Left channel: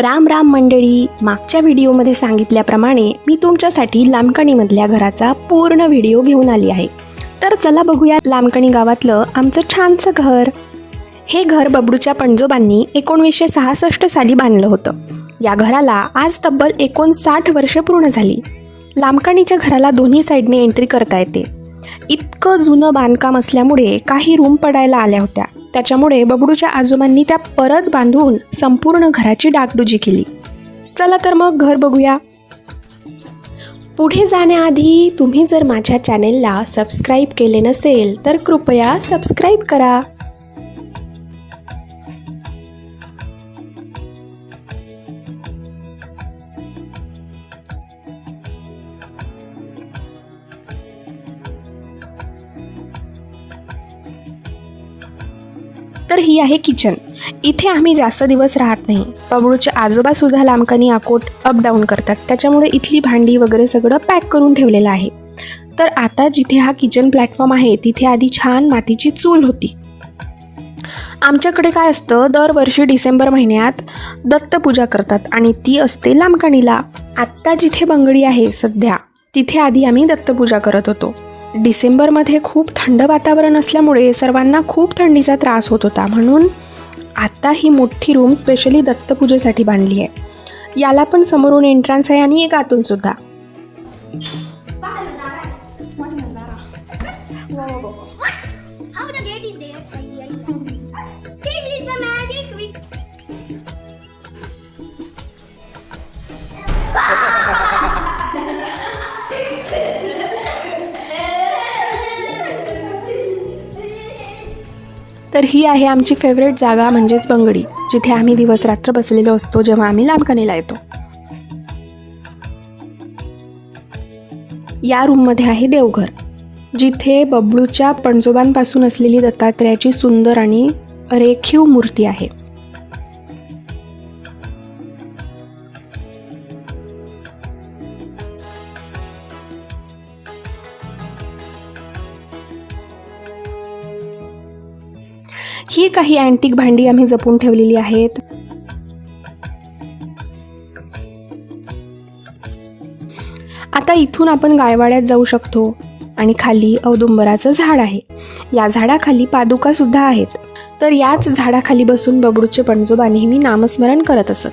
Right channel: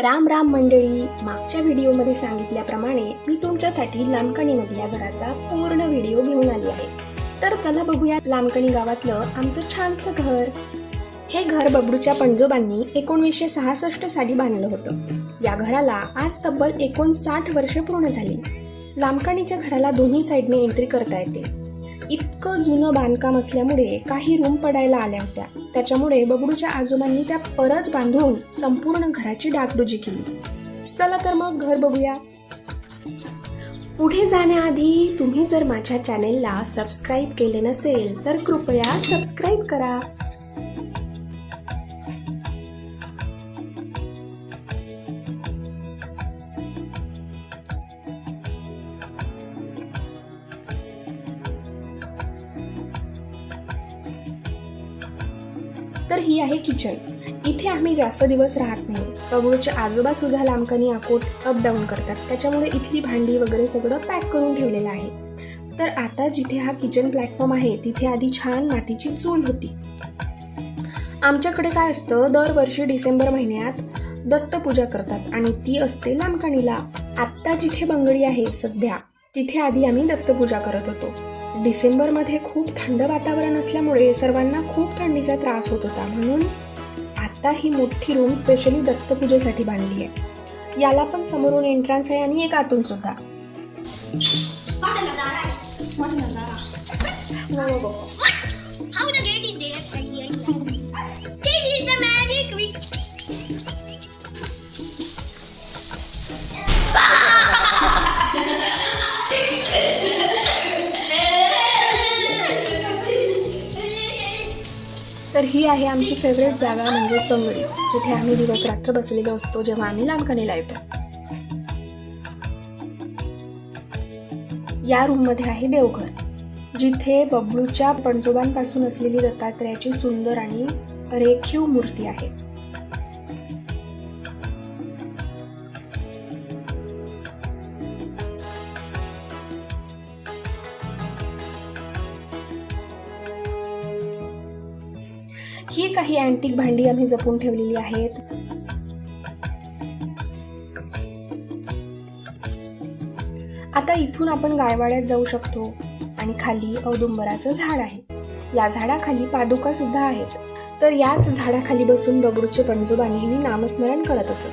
राम राम मंडळी मागच्या व्हिडिओमध्ये सांगितल्याप्रमाणे मी तुमच्यासाठी लांबकणीमधल्या घराचा पूर्ण व्हिडिओ घेऊन आली आहे. तर चला बघूया लामकणी गावातलं आमचं छानसं घर. हे घर बबडूच्या पणजोबांनी एकोणवीसशे सहासष्ट साली बांधलं होतं. या घराला आज तब्बल एकोणसाठ वर्षे पूर्ण झाली. लांबकणीच्या घराला दोन्ही साईडने एंट्री करता येते. इतकं जुनं बांधकाम असल्यामुळे काही रूम पडायला आल्या होत्या. त्याच्यामुळे बबडूच्या आजोबांनी त्या परत बांधून संपूर्ण घराची डागडुजी केली. चला तर मग घर बघूया. पुढे जाण्याआधी तुम्ही जर माझ्या चॅनेलला सबस्क्राईब केले नसेल तर कृपया सबस्क्राईब करा. तर ही आहे किचन. इथे आम्ही जास्त दिवस राहत नाही. बबडूचे आजोबा सुद्धा लांबकानी अकोट अपडाऊन करतात. त्याच्यामुळे इथली भांडी वगैरे सगळं पॅक करून ठेवलेलं आहे. तर आता जिथे हा किचन प्लॅटफॉर्म आहे तिथे आधी छान मातीची चूल होती. आमच्याकडे काय असतं दरवर्षी डिसेंबर महिन्यात दत्तपूजा करतात आणि ती असते लांबकाणीला. आत्ता जिथे बंगडी आहे सध्या तिथे आधी आम्ही दत्तपूजा करत होतो. डिसेंबरमध्ये खूप थंड वातावरण असल्यामुळे सर्वांना खूप थंडीचा त्रास होत होता. म्हणून आता ही मोठी रूम स्पेशली दत्तपूजेसाठी बांधली आहे. याला पण समोरून एंट्रन्स आहे आणि एक आतून सुद्धा. तर ही आहे आमची फेवरेट जागा म्हणजेच बंगडी जिथे आम्ही दिवस रात्र बसलेलो असतो जेव्हा आम्ही लांबकणीला येतो. या रूममध्ये आहे देवघर जिथे बबलूच्या पणजोबांपासून असलेली दत्तात्रेयाची सुंदर आणि रेखीव मूर्ती आहे. ही काही अँटिक भांडी आम्ही जपून ठेवलेली आहेत. आता इथून आपण गायवाड्यात जाऊ शकतो आणि खाली औदुंबराचं झाड आहे. या झाडाखाली पादुका सुद्धा आहेत. तर याच झाडाखाली बसून बबडूचे पणजोबा नेहमी नामस्मरण करत असत.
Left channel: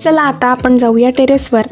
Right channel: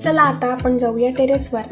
चला आता आपण जाऊया टेरेसवर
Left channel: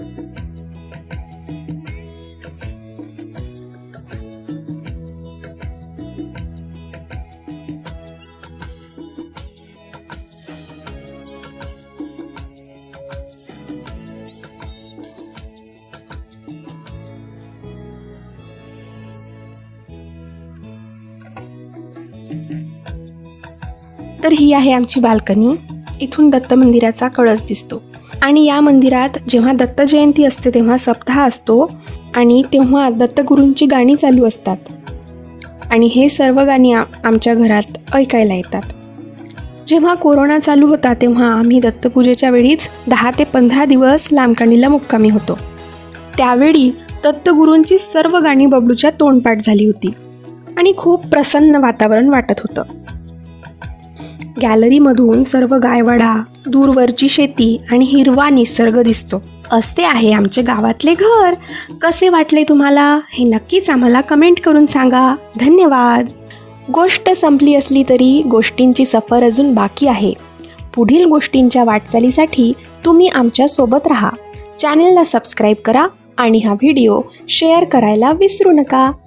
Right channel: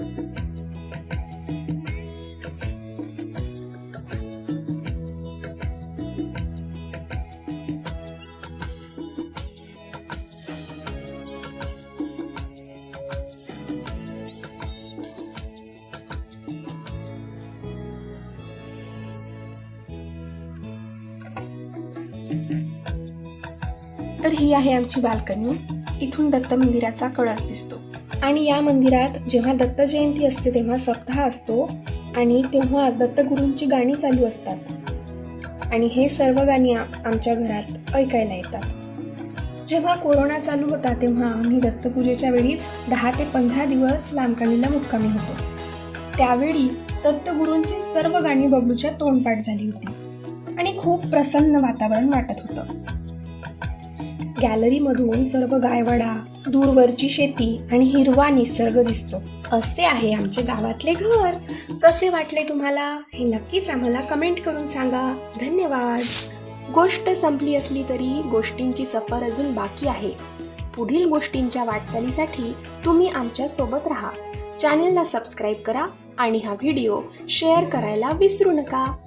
तर ही आहे आमची बाल्कनी. इथून दत्त मंदिराचा कळस दिसतो. आणि या मंदिरात जेव्हा दत्त जयंती असते तेव्हा सप्ताह असतो आणि तेव्हा दत्तगुरूंची गाणी चालू असतात. आणि हे सर्व गाणी आ- आमच्या घरात ऐकायला येतात. जेव्हा कोरोना चालू होता तेव्हा आम्ही दत्तपूजेच्या वेळीच दहा ते पंधरा दिवस लांबकाणीला मुक्कामी होतो. त्यावेळी दत्तगुरूंची सर्व गाणी बबलूच्या तोंडपाठ झाली होती. आणि खूप प्रसन्न वातावरण वाटत होतं. गॅलरीमधून सर्व गायवाडा दूरवरची शेती आणि हिरवा निसर्ग दिसतो. असे आहे आमचे गावातले घर. कसे वाटले तुम्हाला? हे नक्कीच आम्हाला कमेंट करून सांगा. धन्यवाद. गोष्ट संपली असली तरी गोष्टींची सफर अजून बाकी आहे. पुढील गोष्टींच्या वाटचालीसाठी तुम्ही आमच्यासोबत राहा. चॅनेलला सबस्क्राईब करा आणि हा व्हिडिओ शेअर करायला विसरू नका.